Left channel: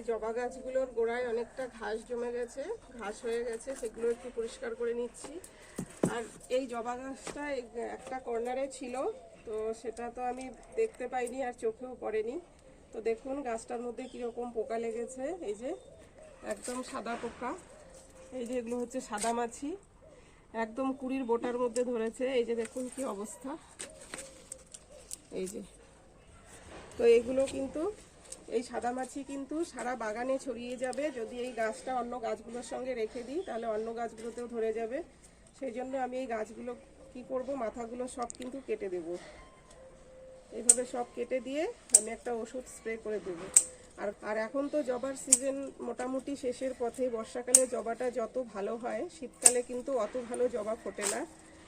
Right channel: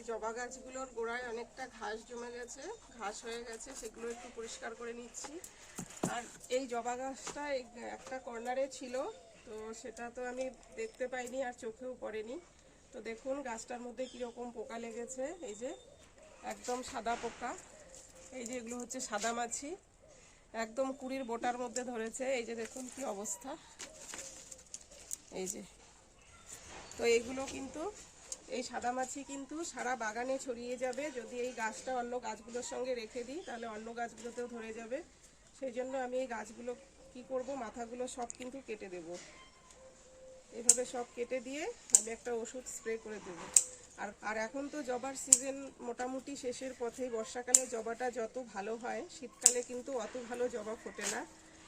এই জবা গাছগুলোর গোড়ায় অনেকটা ঘাস জমে গেছে, ঘাস হয়ে গেছে, সেগুলো একটু পরিষ্কার করে নিচ্ছি। আর এই জবা গাছটা একটা কর্নারে ছিল, তো সেটা তো আমি দেখতে পাইনি আর চোখেও পড়েনি। তো দেখুন গাছটার মধ্যে কীরকম পোকা লেগেছে, এই যে একদম সাদা পোকা, এই যে এগুলো হচ্ছে সাদা মাছি, একদম কুড়ির বোটার মধ্যে ধরেছে। এই যে দেখুন কি অবস্থা, এই যে। তো এগুলো কিন্তু, এই সাদা মাছি কিন্তু সারা বাগানে ছড়িয়ে যাবে। যদি এই গাছটা অন্য গাছগুলোর সঙ্গে রেখে দিই তাহলে অন্য গাছগুলোতেও ধরে যাবে। সেই জন্য আমি এই গাছগুলো কি করব, মাথাগুলো সব কিন্তু কেটে দেব। এইভাবে সব কেটে দিয়ে আমি একটা ওষুধ স্প্রে করে দেবো। আর এখন তো জবার সিজন মোটামুটি শেষের পথে। বর্ষাকালে জবাটা যত ভালো হয়, শীতকালে কিন্তু অত ভালো জবা ফোটে না।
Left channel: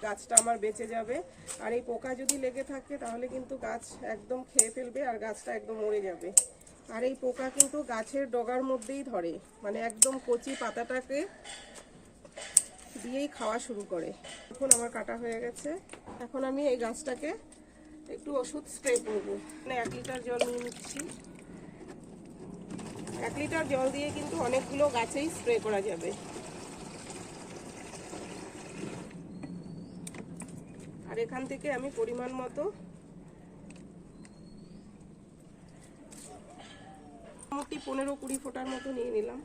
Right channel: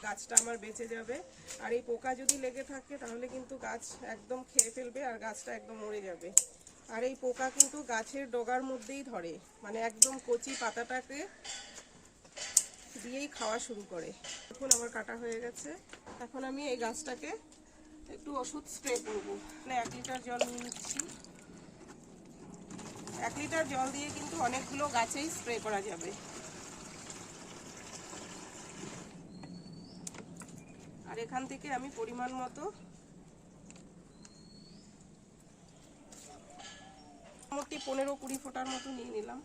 গাছটা আমার বেঁচে যাবে। আর এই পোকা যদি লেগে থাকে তাহলে কিন্তু গাছ একদম খেয়ে ফেলবে আর গাছটা একদম মরে যাবে। আর এই পোকা কিন্তু গাছের ডগার মধ্যেই ধরে, মানে একদম কচি পাতাটাকে দিয়েই খাওয়া শুরু করে। এখন আমার কাটা হয়ে গেছে, এখন আমি এই গাছটাকে একটু ওষুধ স্প্রে করবো। মানে 1 লিটার জল নিয়ে নিচ্ছি। 1 লিটার জল দিয়ে কিন্তু অনেকগুলো গাছেই স্প্রে করা যাবে। আর এখান থেকে আমি পরিমাণ মতো মোটামুটি 15-20 ফোঁটার মতো নিয়ে নিলাম।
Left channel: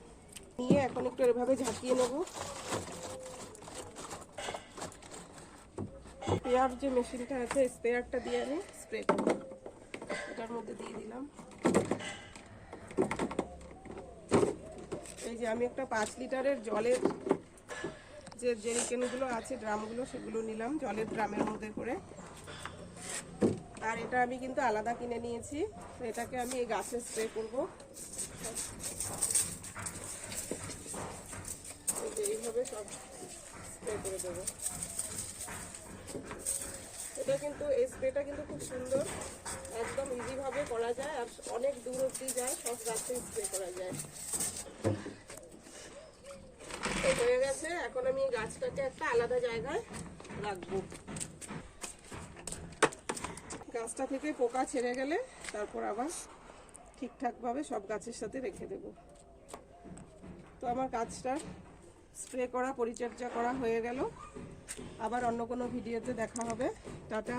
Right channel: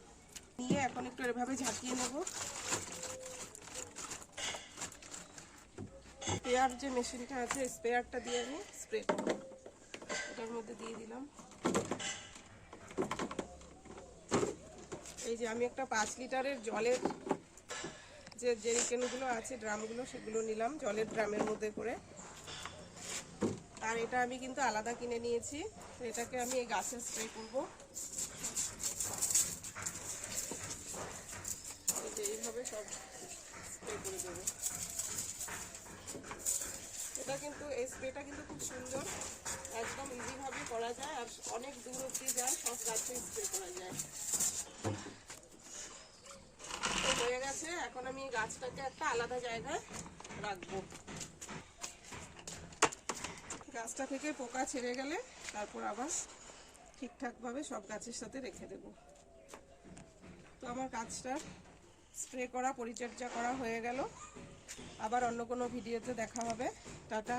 নিয়ে এখন একটু এভাবে ঝাঁকিয়ে নেব। স্প্রেয়ার যে মেশিনটা আছে, স্প্রেয়ারটা দিয়ে আমি স্প্রে করব। এটার মধ্যে দিয়ে দিলাম। এই যে আমি একটা 5 লিটারের জলের যে জেরিকেনগুলো আছে, ড্রামগুলো, সেগুলো নিলাম জলের ড্রামের মধ্যে করে। আর এটা আমি কিন্তু আলাদা কিনে নিয়েছি। এটাকে আমি এই গাছে স্প্রে করব। এইভাবে সব স্প্রে করে দেবো। এটা কিন্তু, এই স্প্রেটা কিন্তু খুব সুন্দর, একদম ইজিভাবে করা যায় আর অনেক দূর অবধি যায়, সব গাছে স্প্রে করা যায়। হয়ে গেছে, এখন আমি গাছটাকে একটা আলাদা জায়গায় রাখবো। গাছটা থেকে পোকা ছেড়ে গেলে তারপর আবার ঠিকঠাকভাবে সব গাছের সাথে রেখে দেব। তো আমার গাছটা স্প্রে করা, পরিচর্যা করা হয়ে গেল। আবার অন্য কোনো ভিডিওতে দেখা হবে। টাটা।